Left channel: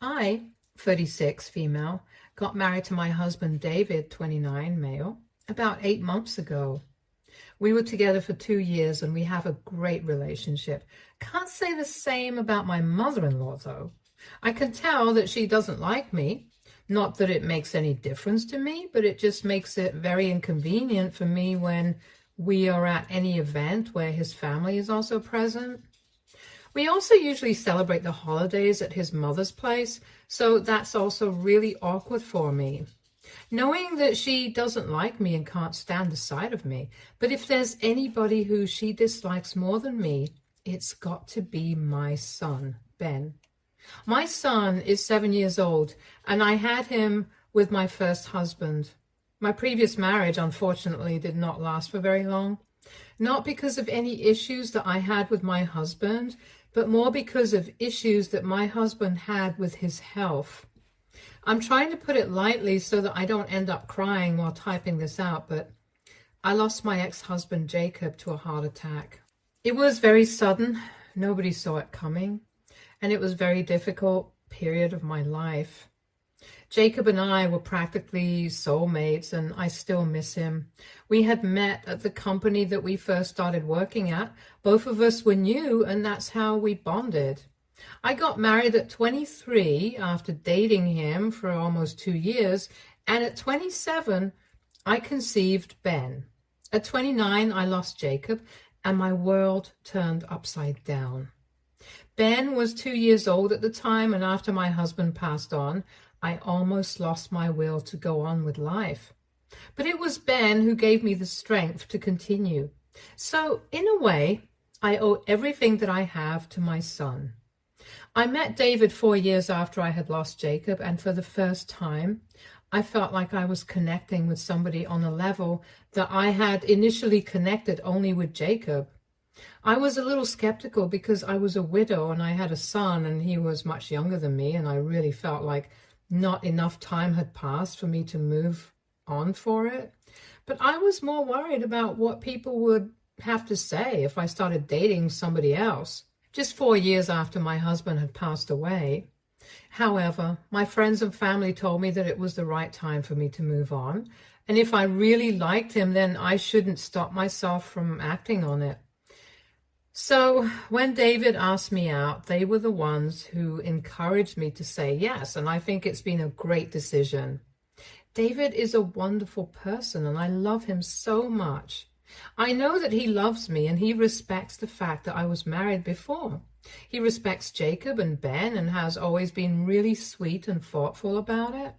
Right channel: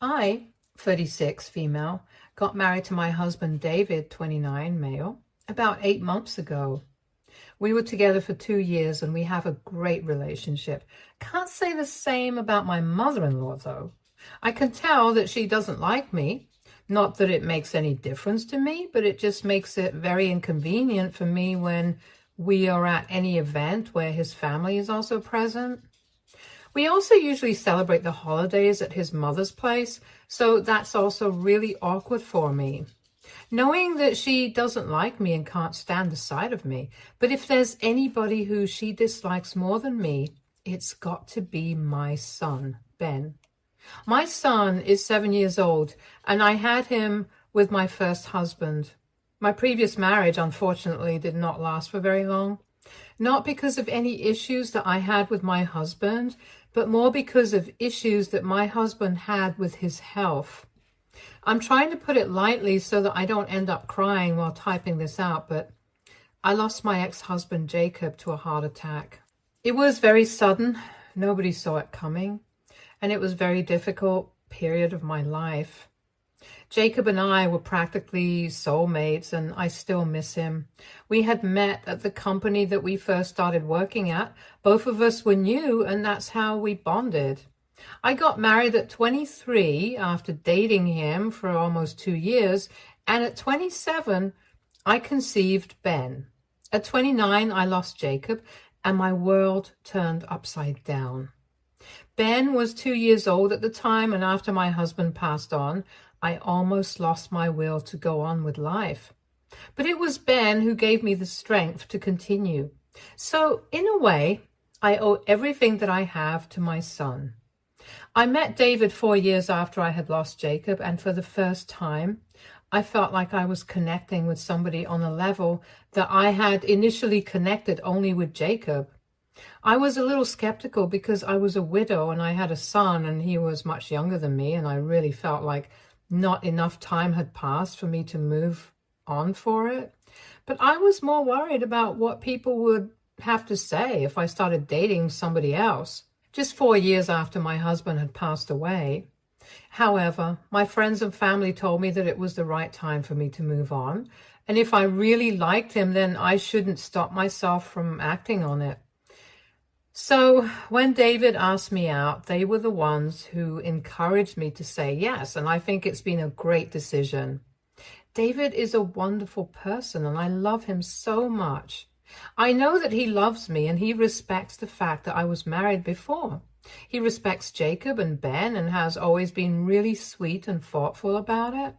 I, 36, female, got married to my husband David, 29, male, about 8 months ago. We were together for 2 years and we have a great relationship. Can't say the same about my mother-in-law, though. I can tell that she doesn't like me. Not that it makes any difference to me, but it just makes it very inconvenient for me when we are at any event where his family is also present. We also usually celebrate the holidays at his mother's place, so that's also really awkward for me. Knowing that she doesn't like me and can't stand the sight of me, but if there's anybody who she dislikes more than me, it's got to be my son, Ben. My son is 7 years old, and I had him with my first husband. My previous marriage, unfortunately, did not last for very long. Not because of any issues that I had with my husband, but more because of issues that my husband had with his health. I'm trying to put it lightly so that I don't end up crying while typing this out, but I lost my ex-husband Jacob to a heart attack. It was very sudden. Nobody saw it coming, and it was a very difficult period of my life. Jacob and I were practically soulmates, and I still miss him. We had met at the company that we first started working at. Both of us were new, and that's how we bonded. I got married at 23 after dating him for almost 2 years, and at 27, I conceived Ben. At 29, I lost Jacob, and my world turned upside down. Ben was 2 years old at the time, and after my husband passed on, I almost lost my will to go on with life. But it was Ben who gave me the strength to continue. So, in a way, I owe everything that I have to my son. I met David 4 years after I had lost Jacob, and for the first time, I felt like I was connecting with somebody on a level that I had initially connected only with Jacob. I was a little skeptical because I was a widow and I had a son and he was much younger than me, and I really felt like not enough time had passed for me to move on for it. But I was more worried about what people would have to say if I started dating somebody else. Just 4 years after my husband had passed away. However, my friends and family told me that it was the right time for me to move on. And if I really liked him, then I shouldn't stop myself from acting on it. So when David asked me out, they were the ones who encouraged me to say yes. And I think it's been a great decision. David is a wonderful person and I love him so much. I know that he loves me and he respects the fact that I was married before. He respects Jacob and Ben and has always been really sweet and thoughtful about it.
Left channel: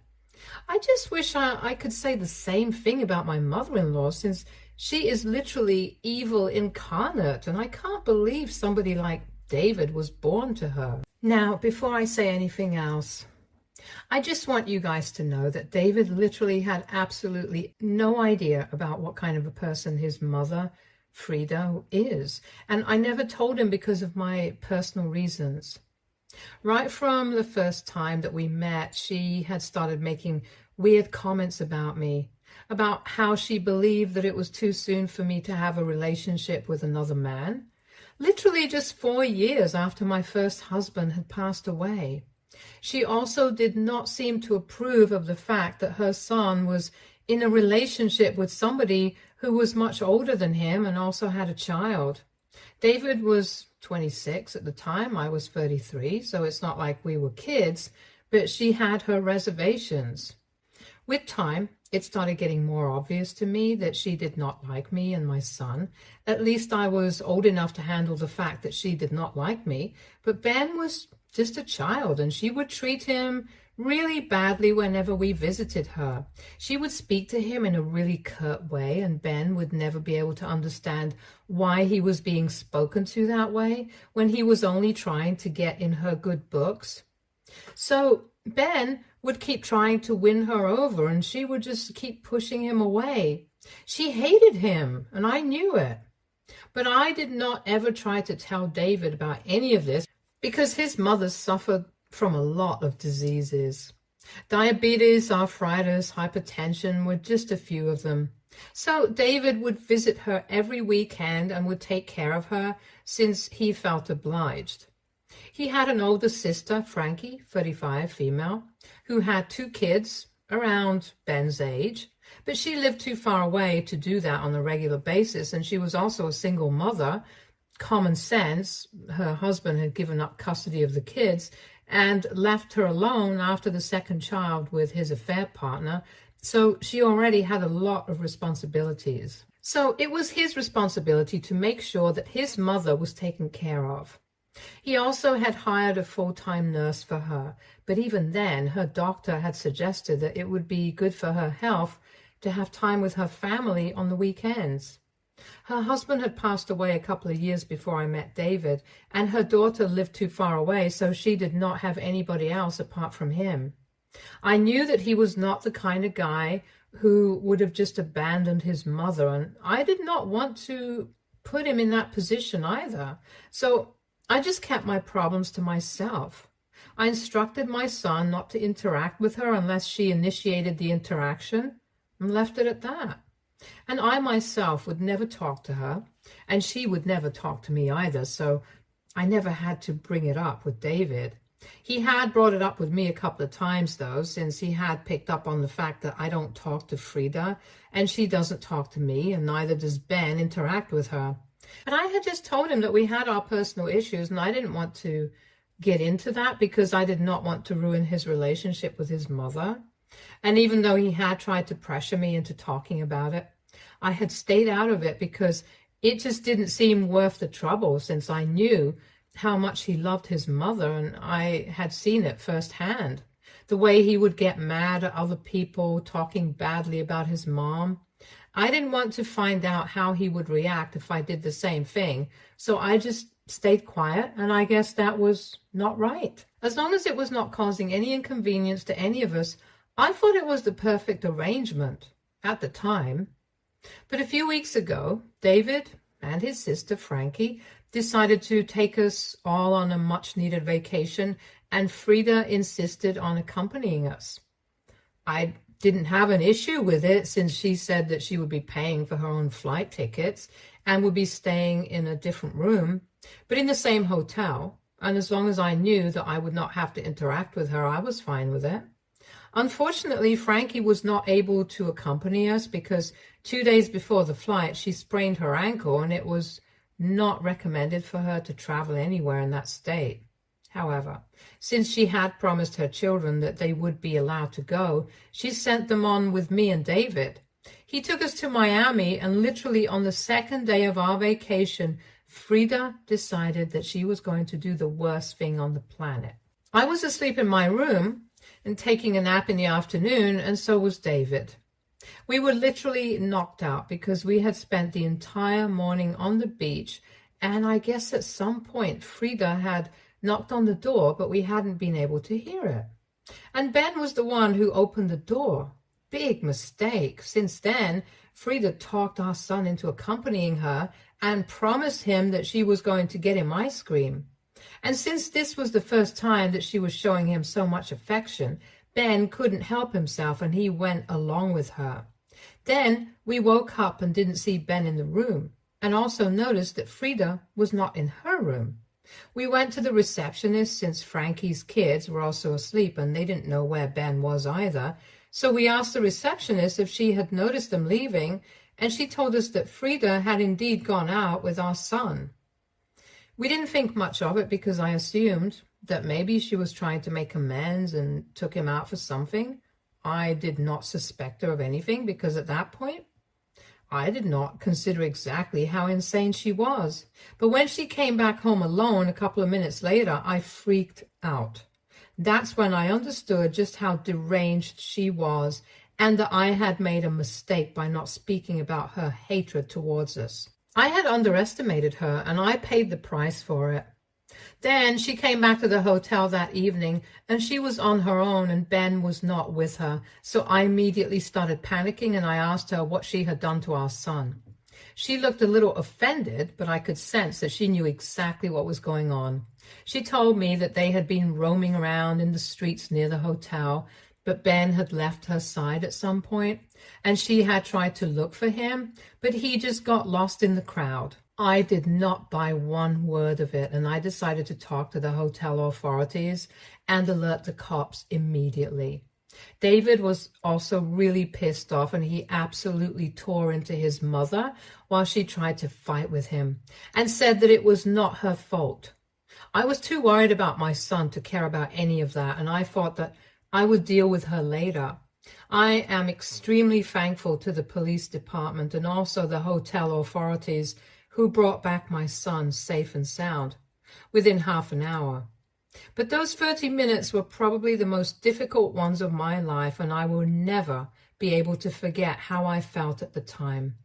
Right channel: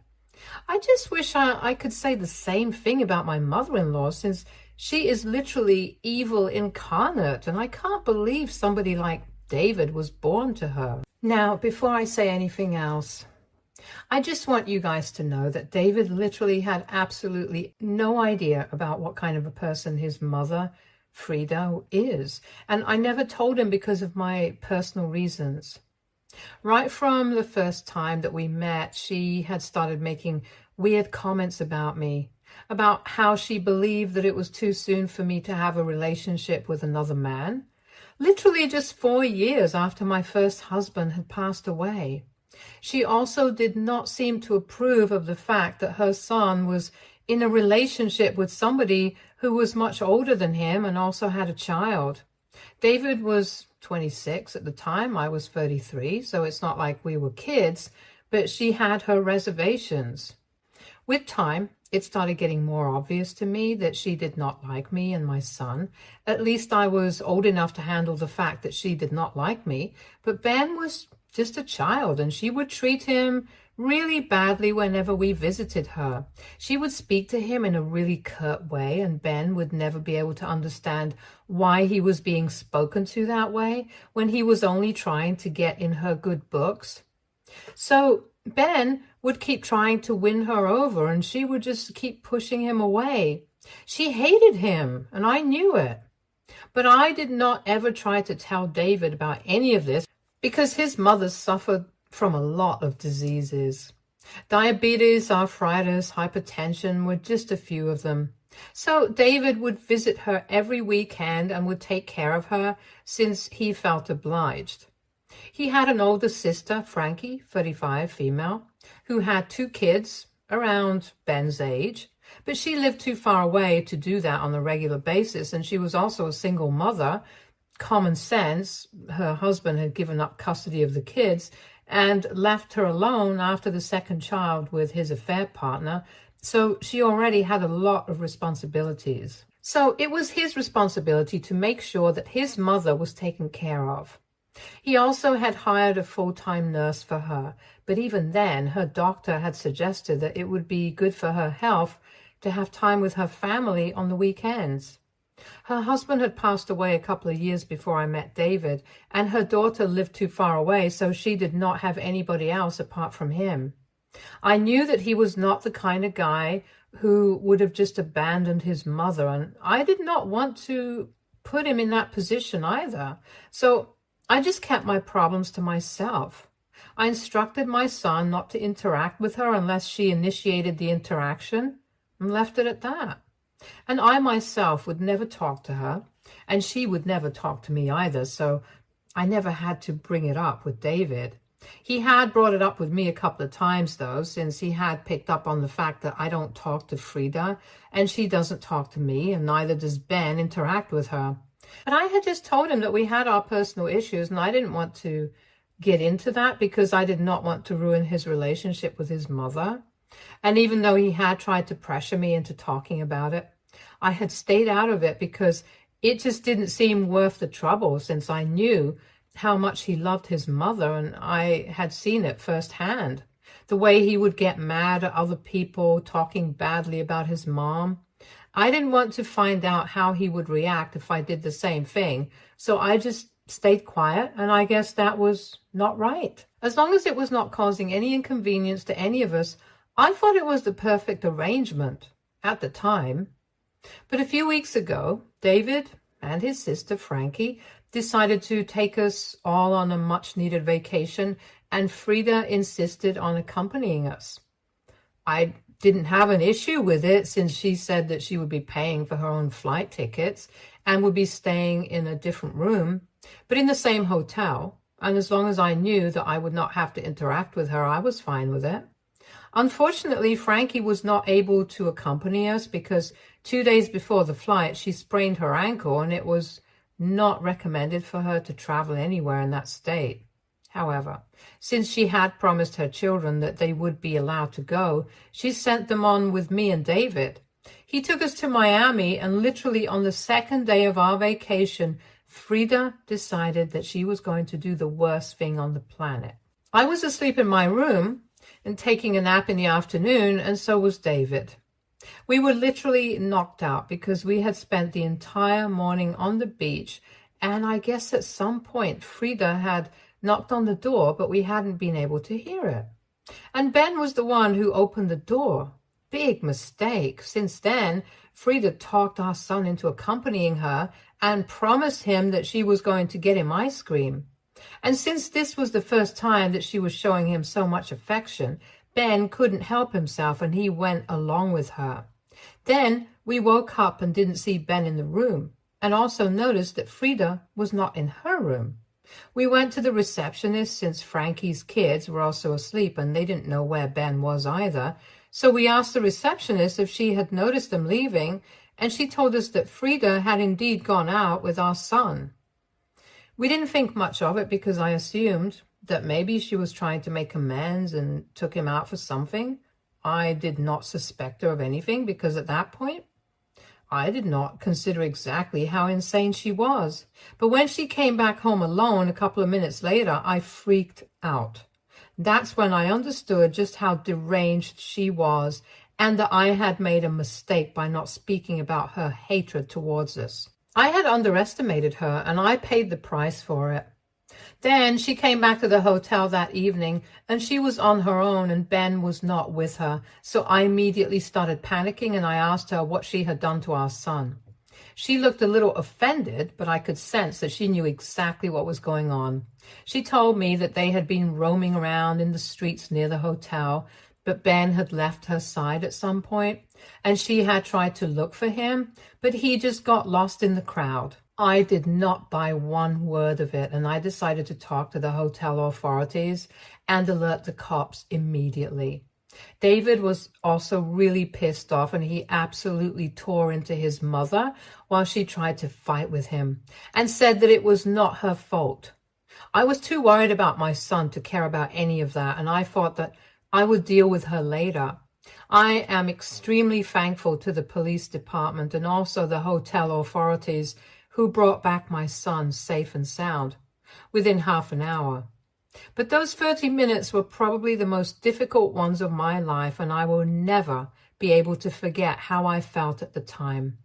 I just wish I could say the same thing about my mother-in-law, since she is literally evil incarnate, and I can't believe somebody like David was born to her. Now, before I say anything else, I just want you guys to know that David literally had absolutely no idea about what kind of a person his mother, Frida, is. And I never told him because of my personal reasons. Right from the first time that we met, she had started making weird comments about me, about how she believed that it was too soon for me to have a relationship with another man. Literally just 4 years after my first husband had passed away. She also did not seem to approve of the fact that her son was in a relationship with somebody who was much older than him and also had a child. David was 26 at the time, I was 33, so it's not like we were kids, but she had her reservations. With time, it started getting more obvious to me that she did not like me and my son. At least I was old enough to handle the fact that she did not like me, but Ben was just a child, and she would treat him really badly whenever we visited her. She would speak to him in a really curt way, and Ben would never be able to understand why he was being spoken to that way when he was only trying to get in her good books. So Ben would keep trying to win her over, and she would just keep pushing him away. She hated him, and I knew it. But I did not ever try to tell David about any of this, because his mother suffered from a lot of diseases. Diabetes, arthritis, hypertension were just a few of them. So David would visit her every weekend and would take care of her since he felt obliged. He had an older sister, Frankie, 35, female, who had 2 kids around Ben's age, but she lived too far away to do that on a regular basis, and she was also a single mother. Common sense, her husband had given up custody of the kids and left her alone after the second child with his affair partner, so she already had a lot of responsibilities. So it was his responsibility to make sure that his mother was taken care of. He also had hired a full-time nurse for her, but even then, her doctor had suggested that it would be good for her health to have time with her family on the weekends. Her husband had passed away a couple of years before I met David, and her daughter lived too far away, so she did not have anybody else apart from him. I knew that he was not the kind of guy who would have just abandoned his mother, and I did not want to put him in that position either. So I just kept my problems to myself. I instructed my son not to interact with her unless she initiated the interaction, and left it at that. And I myself would never talk to her, and she would never talk to me either, so I never had to bring it up with David. He had brought it up with me a couple of times, though, since he had picked up on the fact that I don't talk to Frida, and she doesn't talk to me, and neither does Ben interact with her. But I had just told him that we had our personal issues, and I didn't want to get into that because I did not want to ruin his relationship with his mother. And even though he had tried to pressure me into talking about it, I had stayed out of it because it just didn't seem worth the trouble, since I knew how much he loved his mother, and I had seen it firsthand. The way he would get mad at other people talking badly about his mom. I didn't want to find out how he would react if I did the same thing, so I just stayed quiet, and I guess that was not right. As long as it was not causing any inconvenience to any of us, I thought it was the perfect arrangement at the time. But a few weeks ago, David and his sister Frankie decided to take us all on a much-needed vacation, and Frida insisted on accompanying us. I didn't have an issue with it, since she said that she would be paying for her own flight tickets and would be staying in a different room, but in the same hotel. And as long as I knew that I would not have to interact with her, I was fine with it. Unfortunately, Frankie was not able to accompany us because 2 days before the flight, she sprained her ankle, and it was not recommended for her to travel anywhere in that state. However, since she had promised her children that they would be allowed to go, she sent them on with me and David. He took us to Miami, and literally on the second day of our vacation, Frida decided that she was going to do the worst thing on the planet. I was asleep in my room and taking a nap in the afternoon, and so was David. We were literally knocked out because we had spent the entire morning on the beach, and I guess at some point Frida had knocked on the door, but we hadn't been able to hear it. And Ben was the one who opened the door. Big mistake. Since then, Frida talked our son into accompanying her and promised him that she was going to get him ice cream. And since this was the first time that she was showing him so much affection, Ben couldn't help himself, and he went along with her. Then we woke up and didn't see Ben in the room, and also noticed that Frida was not in her room. We went to the receptionist, since Frankie's kids were also asleep and they didn't know where Ben was either. So we asked the receptionist if she had noticed them leaving, and she told us that Frida had indeed gone out with our son. We didn't think much of it because I assumed that maybe she was trying to make amends and took him out for something. I did not suspect her of anything because at that point, I did not consider exactly how insane she was. But when she came back home alone a couple of minutes later, I freaked out. That's when I understood just how deranged she was, and that I had made a mistake by not speaking about her hatred towards us. I had underestimated her, and I paid the price for it. Then she came back to the hotel that evening, and she was on her own, and Ben was not with her. So I immediately started panicking, and I asked her what she had done to our son. She looked a little offended, but I could sense that she knew exactly what was going on. She told me that they had been roaming around in the streets near the hotel, but Ben had left her side at some point, and she had tried to look for him, but he just got lost in the crowd. I did not buy one word of it, and I decided to talk to the hotel authorities and alert the cops immediately. David was also really pissed off, and he absolutely tore into his mother while she tried to fight with him and said that it was not her fault. I was too worried about my son to care about any of that, and I thought that I would deal with her later. I am extremely thankful to the police department and also the hotel authorities who brought back my son safe and sound within half an hour. But those 30 minutes were probably the most difficult ones of my life, and I will never be able to forget how I felt at the time.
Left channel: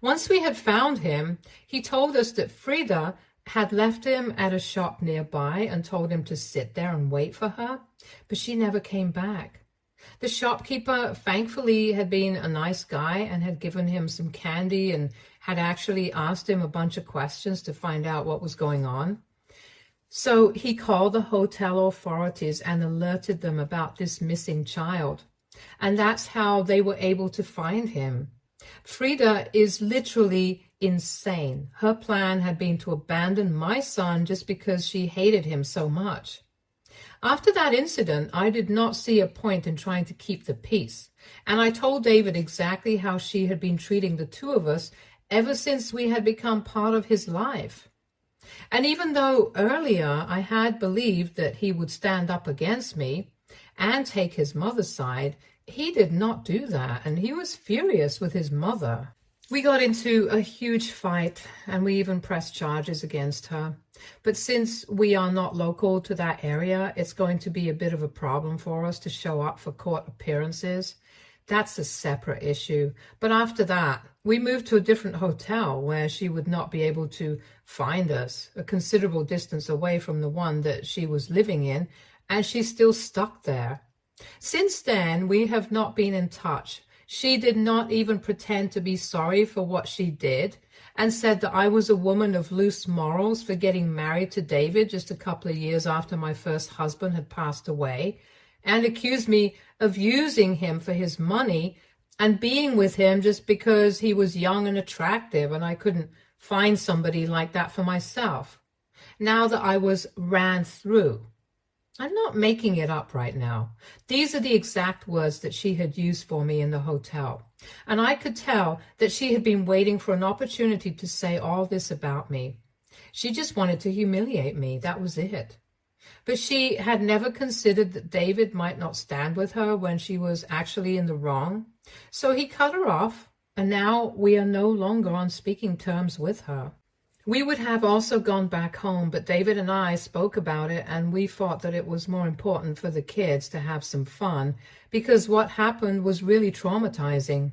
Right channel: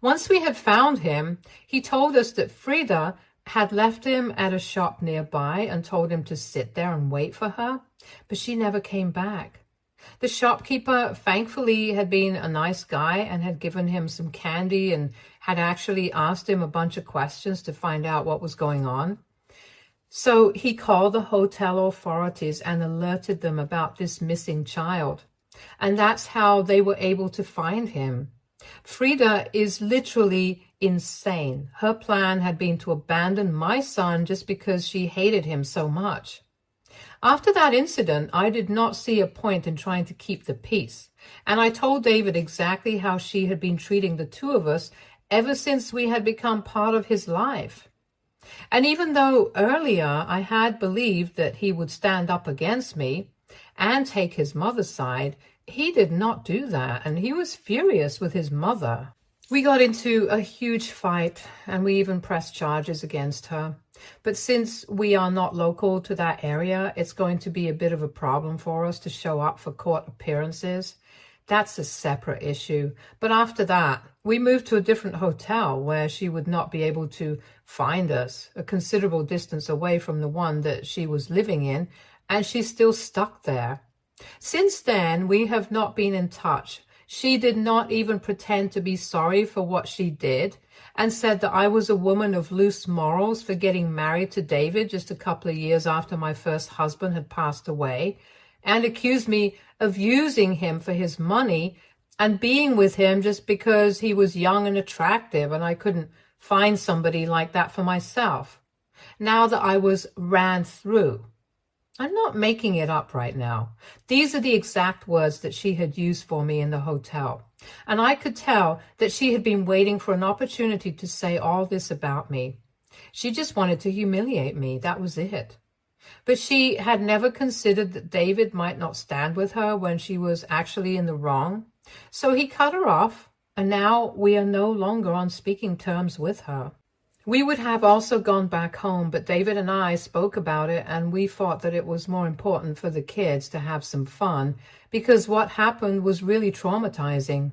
Once we had found him, he told us that Frida had left him at a shop nearby and told him to sit there and wait for her, but she never came back. The shopkeeper, thankfully, had been a nice guy and had given him some candy and had actually asked him a bunch of questions to find out what was going on. So he called the hotel authorities and alerted them about this missing child. And that's how they were able to find him. Frida is literally insane. Her plan had been to abandon my son just because she hated him so much. After that incident, I did not see a point in trying to keep the peace. And I told David exactly how she had been treating the two of us ever since we had become part of his life. And even though earlier I had believed that he would stand up against me and take his mother's side, he did not do that, and he was furious with his mother. We got into a huge fight, and we even pressed charges against her. But since we are not local to that area, it's going to be a bit of a problem for us to show up for court appearances. That's a separate issue. But after that, we moved to a different hotel where she would not be able to find us, a considerable distance away from the one that she was living in, and she's still stuck there. Since then, we have not been in touch. She did not even pretend to be sorry for what she did and said that I was a woman of loose morals for getting married to David just a couple of years after my first husband had passed away, and accused me of using him for his money and being with him just because he was young and attractive and I couldn't find somebody like that for myself. Now that I was ran through. I'm not making it up right now. These are the exact words that she had used for me in the hotel. And I could tell that she had been waiting for an opportunity to say all this about me. She just wanted to humiliate me. That was it. But she had never considered that David might not stand with her when she was actually in the wrong. So he cut her off, and now we are no longer on speaking terms with her. We would have also gone back home, but David and I spoke about it, and we thought that it was more important for the kids to have some fun because what happened was really traumatizing.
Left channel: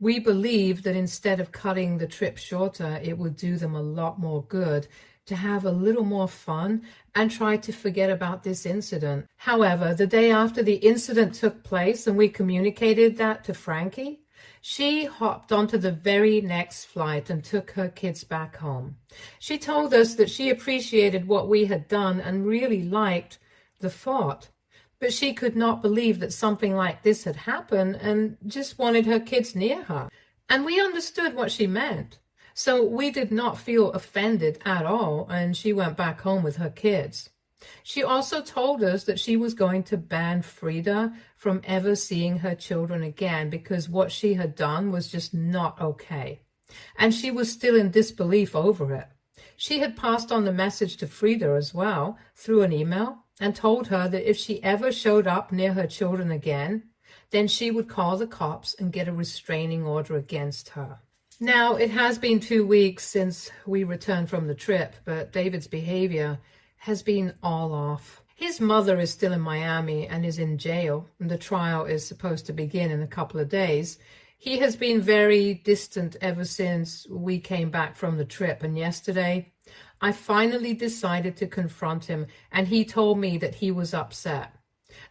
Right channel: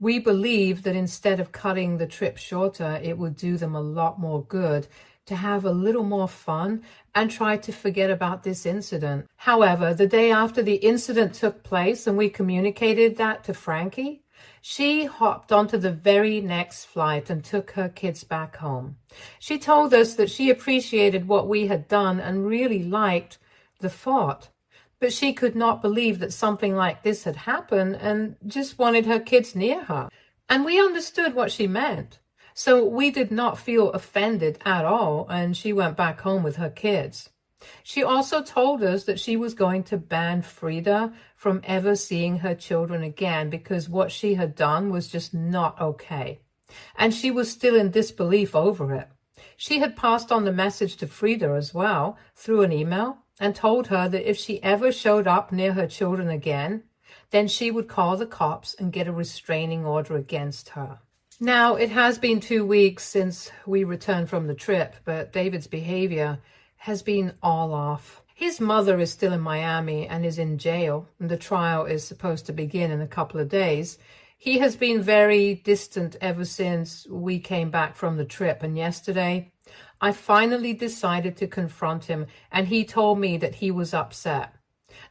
We believed that instead of cutting the trip shorter, it would do them a lot more good to have a little more fun and try to forget about this incident. However, the day after the incident took place and we communicated that to Frankie, she hopped onto the very next flight and took her kids back home. She told us that she appreciated what we had done and really liked the thought, but she could not believe that something like this had happened and just wanted her kids near her. And we understood what she meant. So we did not feel offended at all, and she went back home with her kids. She also told us that she was going to ban Frida from ever seeing her children again because what she had done was just not okay. And she was still in disbelief over it. She had passed on the message to Frida as well through an email and told her that if she ever showed up near her children again, then she would call the cops and get a restraining order against her. Now, it has been 2 weeks since we returned from the trip, but David's behavior has been all off. His mother is still in Miami and is in jail, and the trial is supposed to begin in a couple of days. He has been very distant ever since we came back from the trip, and yesterday I finally decided to confront him, and he told me that he was upset.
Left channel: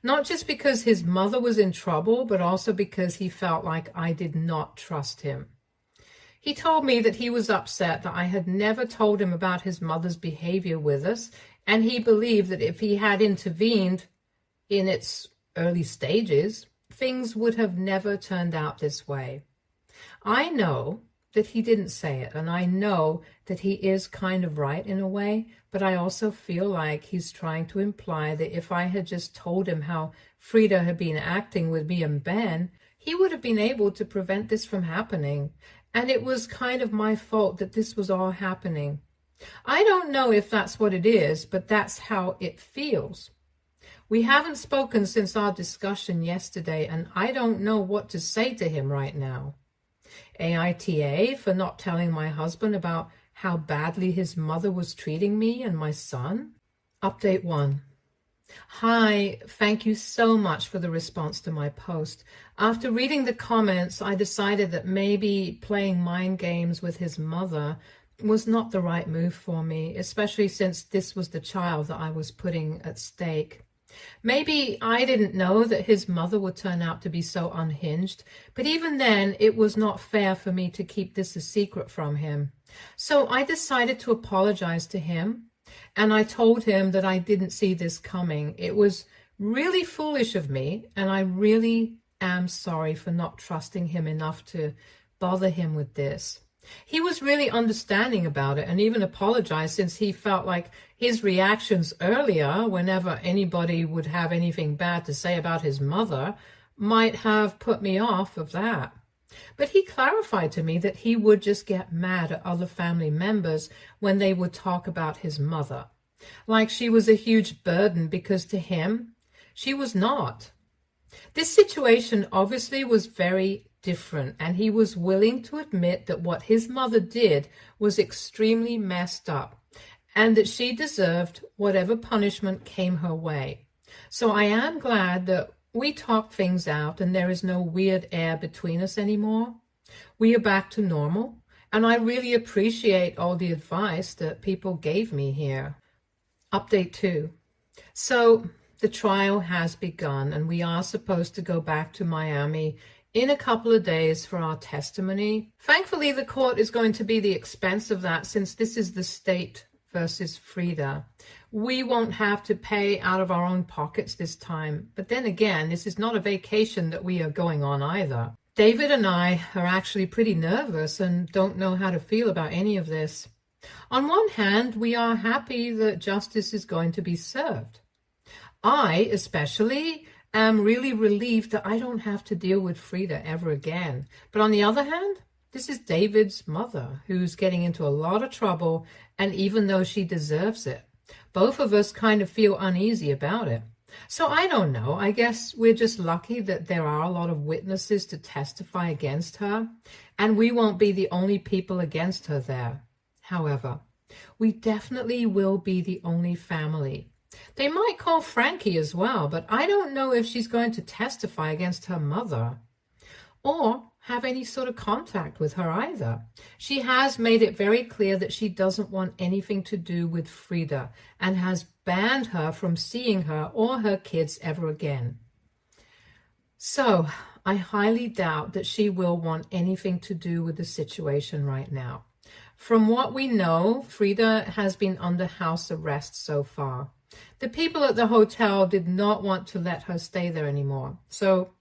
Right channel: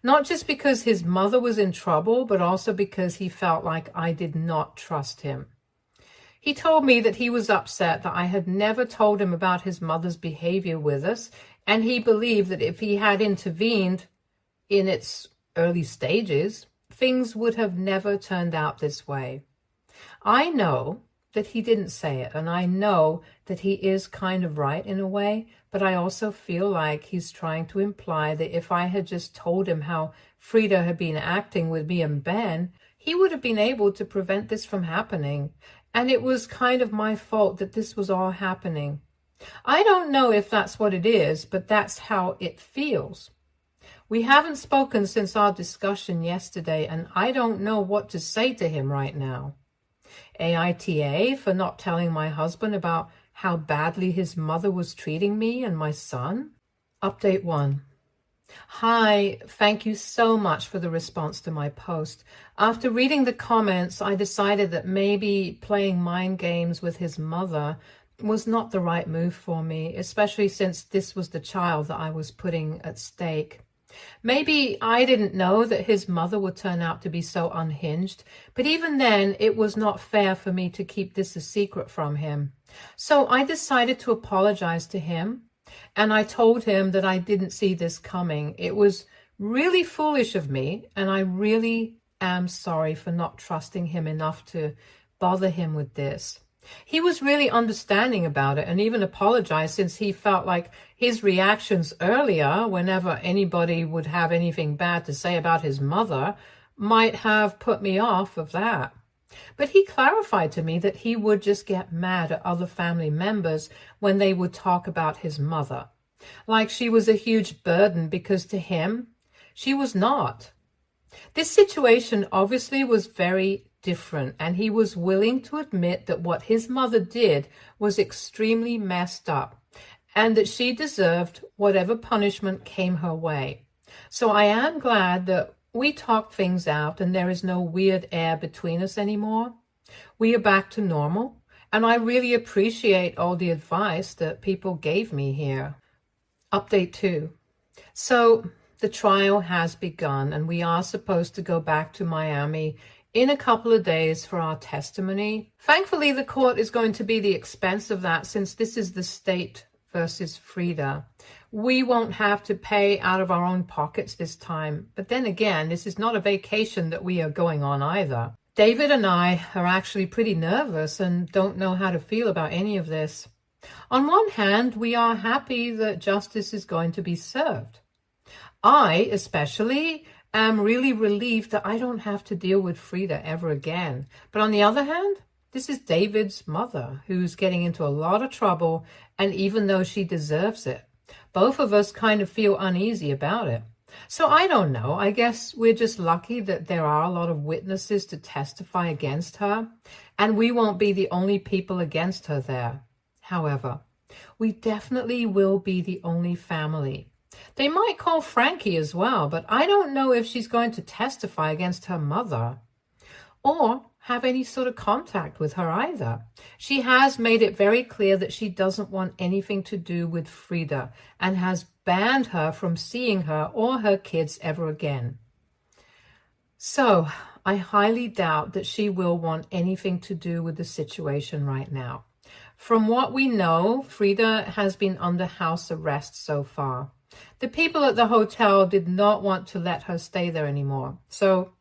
Not just because his mother was in trouble, but also because he felt like I did not trust him. He told me that he was upset that I had never told him about his mother's behavior with us, and he believed that if he had intervened in its early stages, things would have never turned out this way. I know that he didn't say it. And I know that he is kind of right in a way, but I also feel like he's trying to imply that if I had just told him how Frida had been acting with me and Ben, he would have been able to prevent this from happening. And it was kind of my fault that this was all happening. I don't know if that's what it is, but that's how it feels. We haven't spoken since our discussion yesterday, and I don't know what to say to him right now. AITA for not telling my husband about how badly his mother was treating me and my son. Update 1. Hi, thank you so much for the response to my post. After reading the comments, I decided that maybe playing mind games with his mother was not the right move for me, especially since this was the child that I was putting at stake. Maybe I didn't know that his mother would turn out to be so unhinged, but even then it was not fair for me to keep this a secret from him. So I decided to apologize to him, and I told him that I didn't see this coming. It was really foolish of me, and I really am sorry for not trusting him enough to bother him with this. He was really understanding about it and even apologized, since he felt like his reactions earlier, whenever anybody would have anything bad to say about his mother, might have put me off of that. But he clarified to me that he would just get mad at other family members when they would talk about his mother, like she was a huge burden, because to him, she was not. This situation obviously was very different, and he was willing to admit that what his mother did was extremely messed up, and that she deserved whatever punishment came her way. So I am glad that we talked things out and there is no weird air between us anymore. We are back to normal, and I really appreciate all the advice that people gave me here. Update 2. So the trial has begun, and we are supposed to go back to Miami in a couple of days for our testimony. Thankfully, the court is going to be the expense of that, since this is the state versus Frida. We won't have to pay out of our own pockets this time. But then again, this is not a vacation that we are going on either. David and I are actually pretty nervous and don't know how to feel about any of this. On one hand, we are happy that justice is going to be served. I, especially, am really relieved that I don't have to deal with Frida ever again. But on the other hand, this is David's mother, who's getting into a lot of trouble, and even though she deserves it, both of us kind of feel uneasy about it. So I don't know. I guess we're just lucky that there are a lot of witnesses to testify against her, and we won't be the only people against her there. However, we definitely will be the only family. They might call Frankie as well, but I don't know if she's going to testify against her mother or have any sort of contact with her either. She has made it very clear that she doesn't want anything to do with Frida and has banned her from seeing her or her kids ever again. So I highly doubt that she will want anything to do with the situation right now. From what we know, Frida has been under house arrest so far. The people at the hotel did not want to let her stay there anymore, so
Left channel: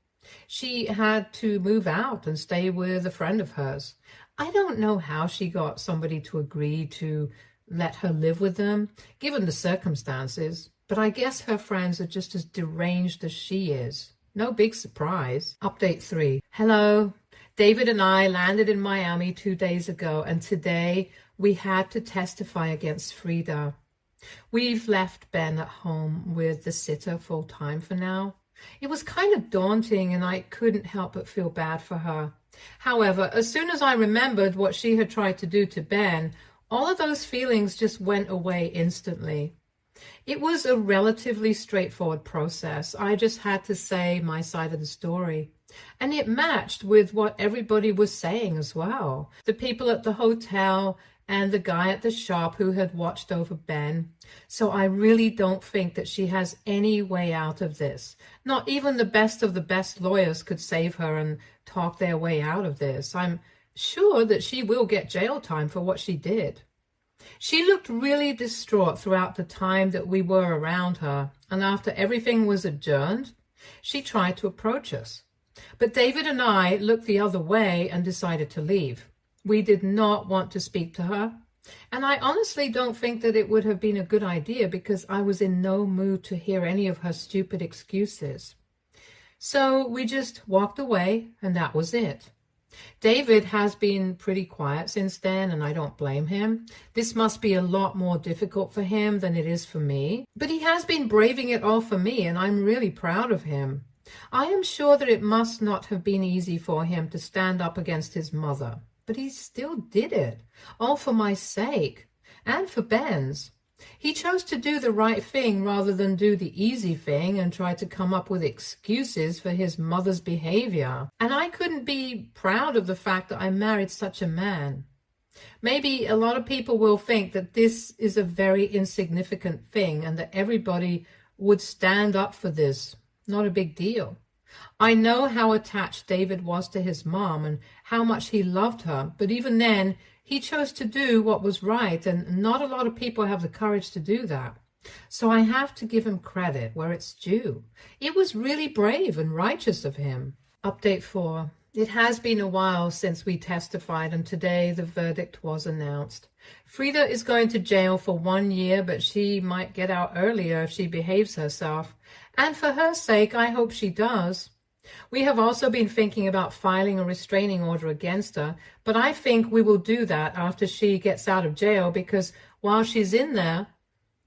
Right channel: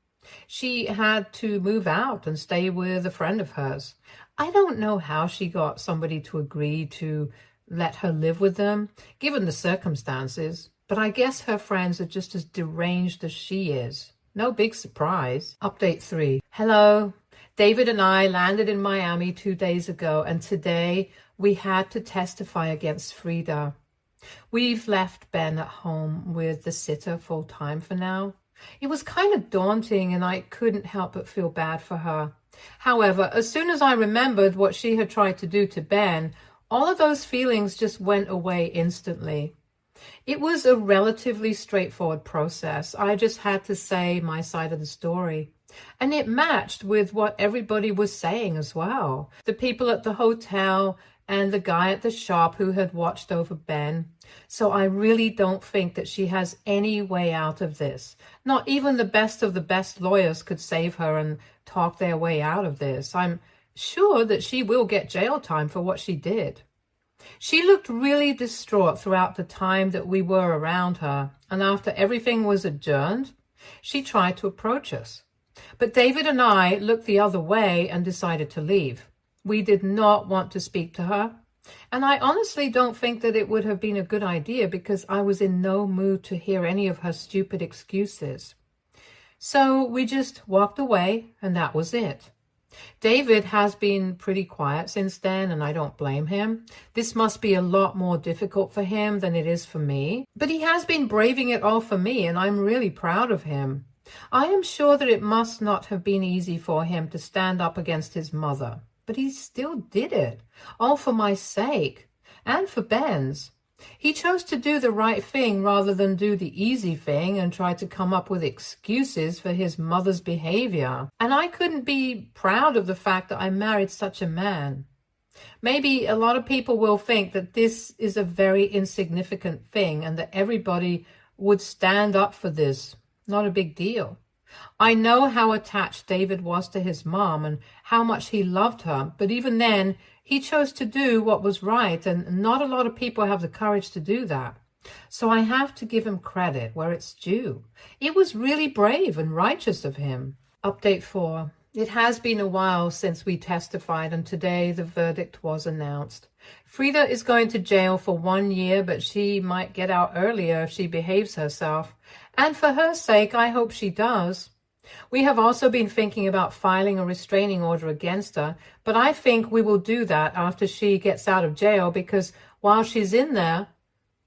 she had to move out and stay with a friend of hers. I don't know how she got somebody to agree to let her live with them, given the circumstances, but I guess her friends are just as deranged as she is. No big surprise. Update 3. Hello. David and I landed in Miami 2 days ago, and today we had to testify against Frida. We've left Ben at home with the sitter full time for now. It was kind of daunting, and I couldn't help but feel bad for her. However, as soon as I remembered what she had tried to do to Ben, all of those feelings just went away instantly. It was a relatively straightforward process. I just had to say my side of the story. And it matched with what everybody was saying as well. The people at the hotel and the guy at the shop who had watched over Ben. So I really don't think that she has any way out of this. Not even the best of the best lawyers could save her and talk their way out of this. I'm sure that she will get jail time for what she did. She looked really distraught throughout the time that we were around her, and after everything was adjourned, she tried to approach us. But David and I looked the other way and decided to leave. We did not want to speak to her. And I honestly don't think that it would have been a good idea because I was in no mood to hear any of her stupid excuses. So we just walked away, and that was it. David has been pretty quiet since then, and I don't blame him. This must be a lot more difficult for him than it is for me. But he has been braving it all for me, and I'm really proud of him. I am sure that it must not have been easy for him to stand up against his mother. But he still did it, all for my sake, and for Ben's. He chose to do the right thing rather than do the easy thing and try to come up with excuses for his mother's behavior. And I couldn't be proud of the fact that I married such a man. Maybe a lot of people will think that this is a very insignificant thing and that everybody would stand up for this. Not a big deal. I know how attached David was to his mom and how much he loved her, but even then, he chose to do what was right, and not a lot of people have the courage to do that. So I have to give him credit where it's due. It was really brave and righteous of him. Update 4. It has been a while since we testified, and today the verdict was announced. Frida is going to jail for 1 year, but she might get out earlier if she behaves herself. And for her sake, I hope she does. We have also been thinking about filing a restraining order against her, but I think we will do that after she gets out of jail because while she's in there,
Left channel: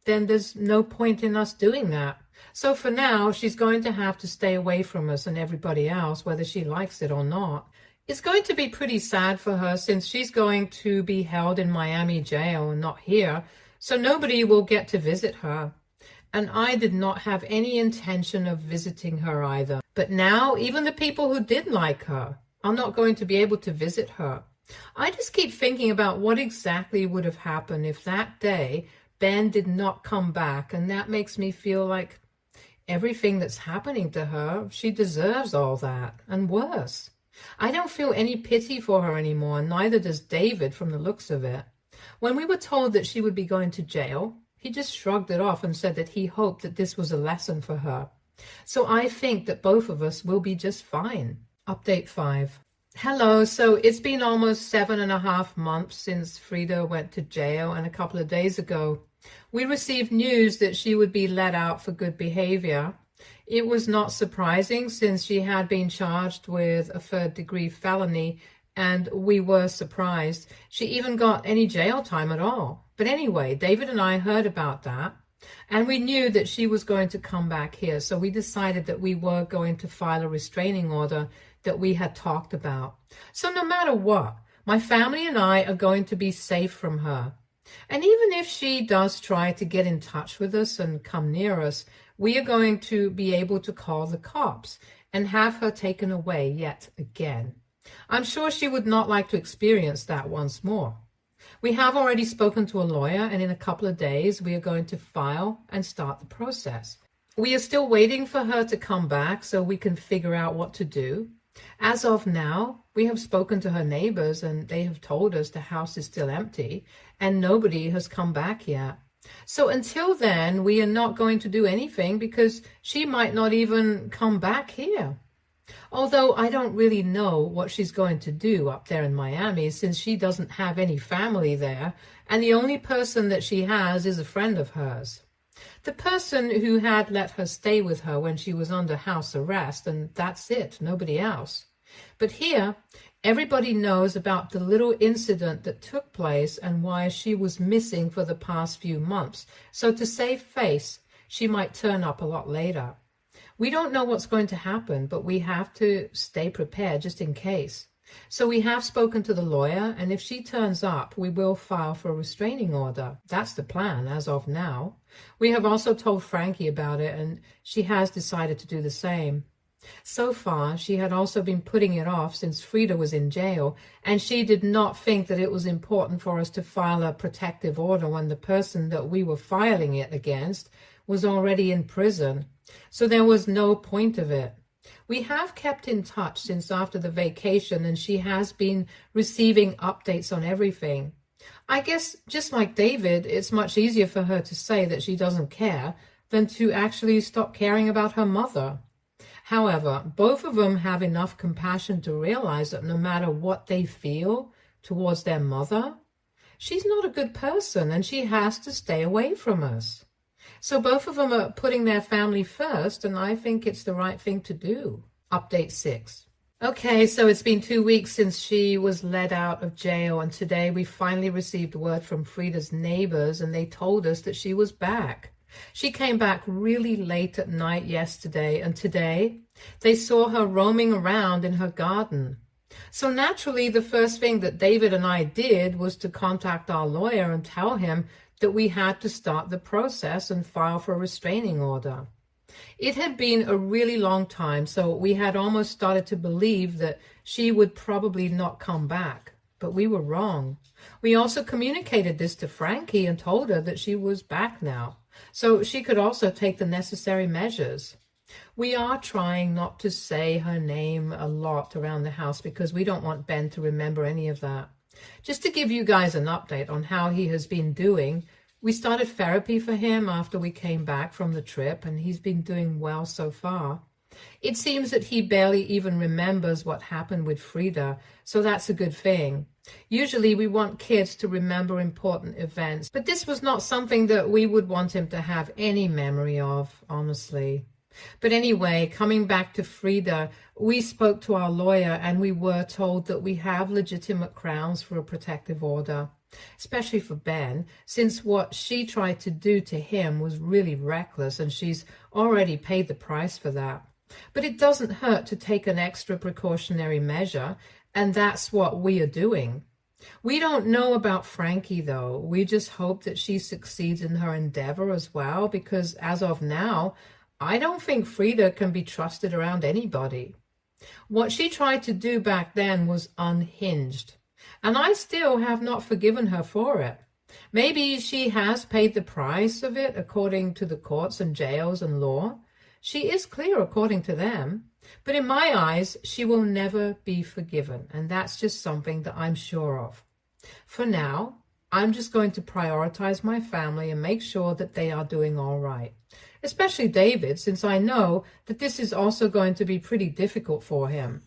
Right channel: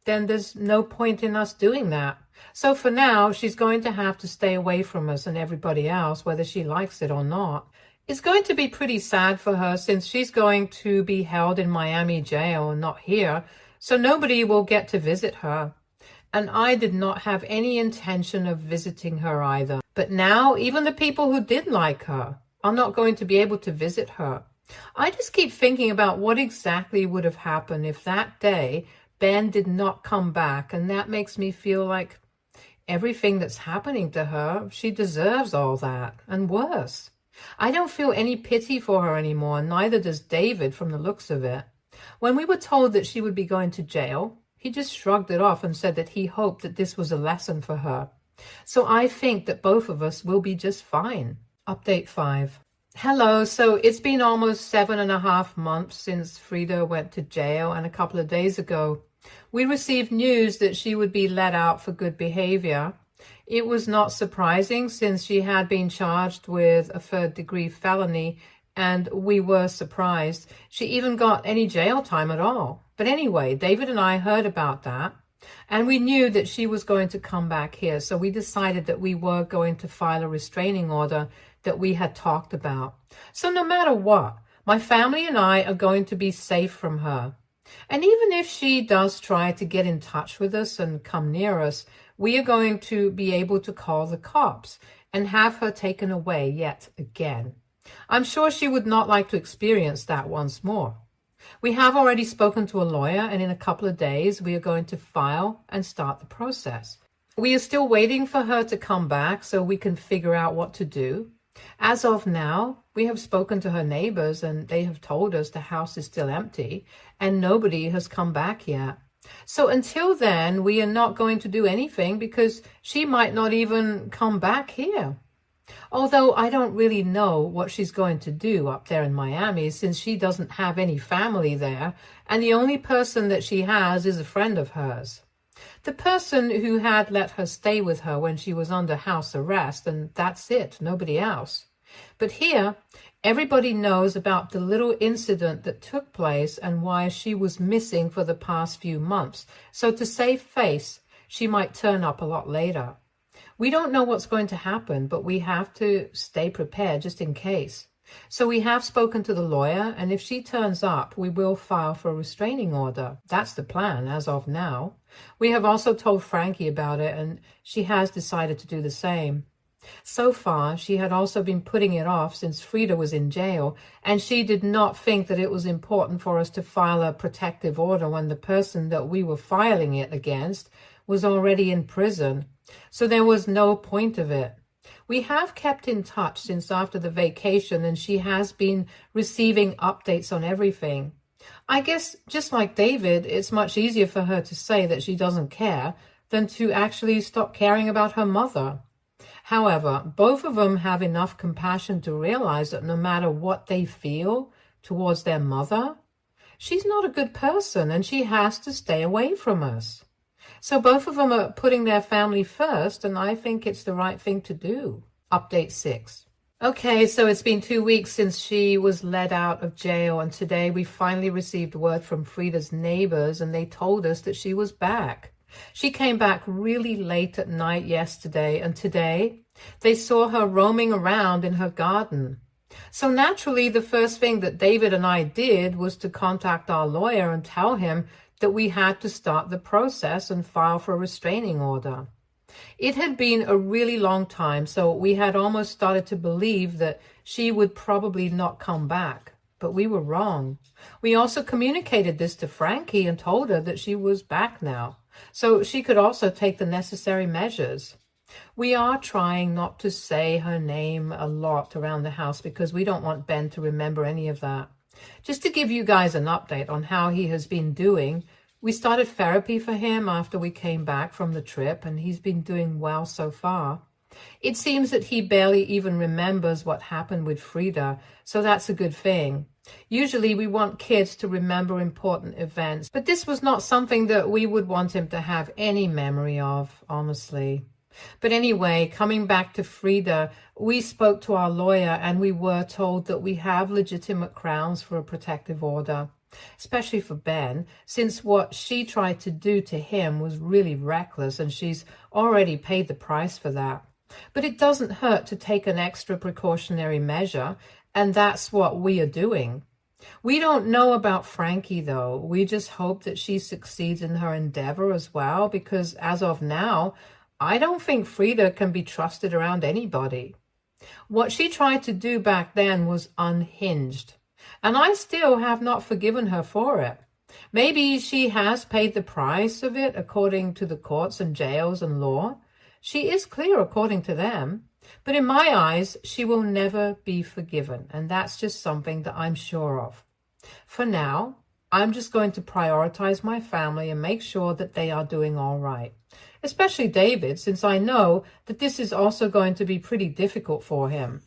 then there's no point in us doing that. So for now, she's going to have to stay away from us and everybody else, whether she likes it or not. It's going to be pretty sad for her since she's going to be held in Miami jail and not here, so nobody will get to visit her. And I did not have any intention of visiting her either. But now, even the people who did like her are not going to be able to visit her. I just keep thinking about what exactly would have happened if that day Ben did not come back, and that makes me feel like everything that's happening to her, she deserves all that, and worse. I don't feel any pity for her anymore, neither does David from the looks of it. When we were told that she would be going to jail, he just shrugged it off and said that he hoped that this was a lesson for her. So I think that both of us will be just fine. Update 5. Hello, so it's been almost 7.5 months since Frida went to jail, and a couple of days ago, we received news that she would be let out for good behavior. It was not surprising since she had been charged with a third-degree felony, and we were surprised she even got any jail time at all. But anyway, David and I heard about that, and we knew that she was going to come back here, so we decided that we were going to file a restraining order that we had talked about. So no matter what, my family and I are going to be safe from her. And even if she does try to get in touch with us and come near us, we are going to be able to call the cops and have her taken away yet again. I'm sure she would not like to experience that once more. We have already spoken to a lawyer, and in a couple of days, we are going to file and start the process. We are still waiting for her to come back so we can figure out what to do. As of now, we have spoken to her neighbors, and they have told us the house is still empty, and nobody has come back yet. So until then, we are not going to do anything because she might not even come back here. Although I don't really know what she's going to do up there in Miami since she doesn't have any family there, and the only person that she has is a friend of hers. The person who had let her stay with her when she was under house arrest, and that's it, nobody else. But here, everybody knows about the little incident that took place and why she was missing for the past few months. So to save face, she might turn up a lot later. We don't know what's going to happen, but we have to stay prepared just in case. So we have spoken to the lawyer, and if she turns up, we will file for a restraining order. That's the plan as of now. We have also told Frankie about it, and she has decided to do the same. So far, she had also been putting it off since Frida was in jail, and she did not think that it was important for us to file a protective order when the person that we were filing it against was already in prison. So there was no point of it. We have kept in touch since after the vacation, and she has been receiving updates on everything. I guess, just like David, it's much easier for her to say that she doesn't care than to actually stop caring about her mother. However, both of them have enough compassion to realize that no matter what they feel towards their mother. She's not a good person and she has to stay away from us. So both of them are putting their family first, and I think it's the right thing to do. Update 6. Okay, so it's been 2 weeks since she was let out of jail, and today we finally received word from Frida's neighbors, and they told us that she was back. She came back really late at night yesterday, and today they saw her roaming around in her garden. So naturally, the first thing that David and I did was to contact our lawyer and tell him that we had to start the process and file for a restraining order. It had been a really long time, so we had almost started to believe that she would probably not come back. But we were wrong. We also communicated this to Frankie and told her that she was back now, so she could also take the necessary measures. We are trying not to say her name a lot around the house because we don't want Ben to remember any of that. Just to give you guys an update on how he has been doing, we started therapy for him after we came back from the trip, and he's been doing well so far. It seems that he barely even remembers what happened with Frida, so that's a good thing. Usually we want kids to remember important events, but this was not something that we would want him to have any memory of, honestly. But anyway, coming back to Frida, we spoke to our lawyer and we were told that we have legitimate grounds for a protective order, especially for Ben, since what she tried to do to him was really reckless and she's already paid the price for that. But it doesn't hurt to take an extra precautionary measure, and that's what we are doing. We don't know about Frankie, though. We just hope that she succeeds in her endeavor as well, because as of now, I don't think Frida can be trusted around anybody. What she tried to do back then was unhinged, and I still have not forgiven her for it. Maybe she has paid the price of it according to the courts and jails and law. She is clear according to them, but in my eyes, she will never be forgiven, and that's just something that I'm sure of. For now, I'm just going to prioritize my family and make sure that they are doing all right. Especially David, since I know that this is also going to be pretty difficult for him.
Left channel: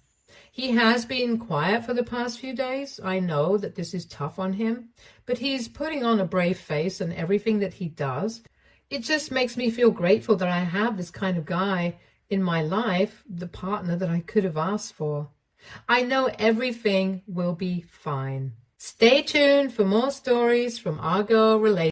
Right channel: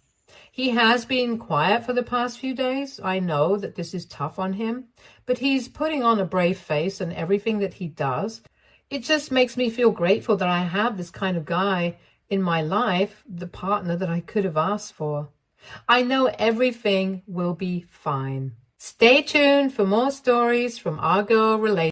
He has been quiet for the past few days. I know that this is tough on him, but he's putting on a brave face in everything that he does. It just makes me feel grateful that I have this kind of guy in my life, the partner that I could have asked for. I know everything will be fine. Stay tuned for more stories from our girl relationship.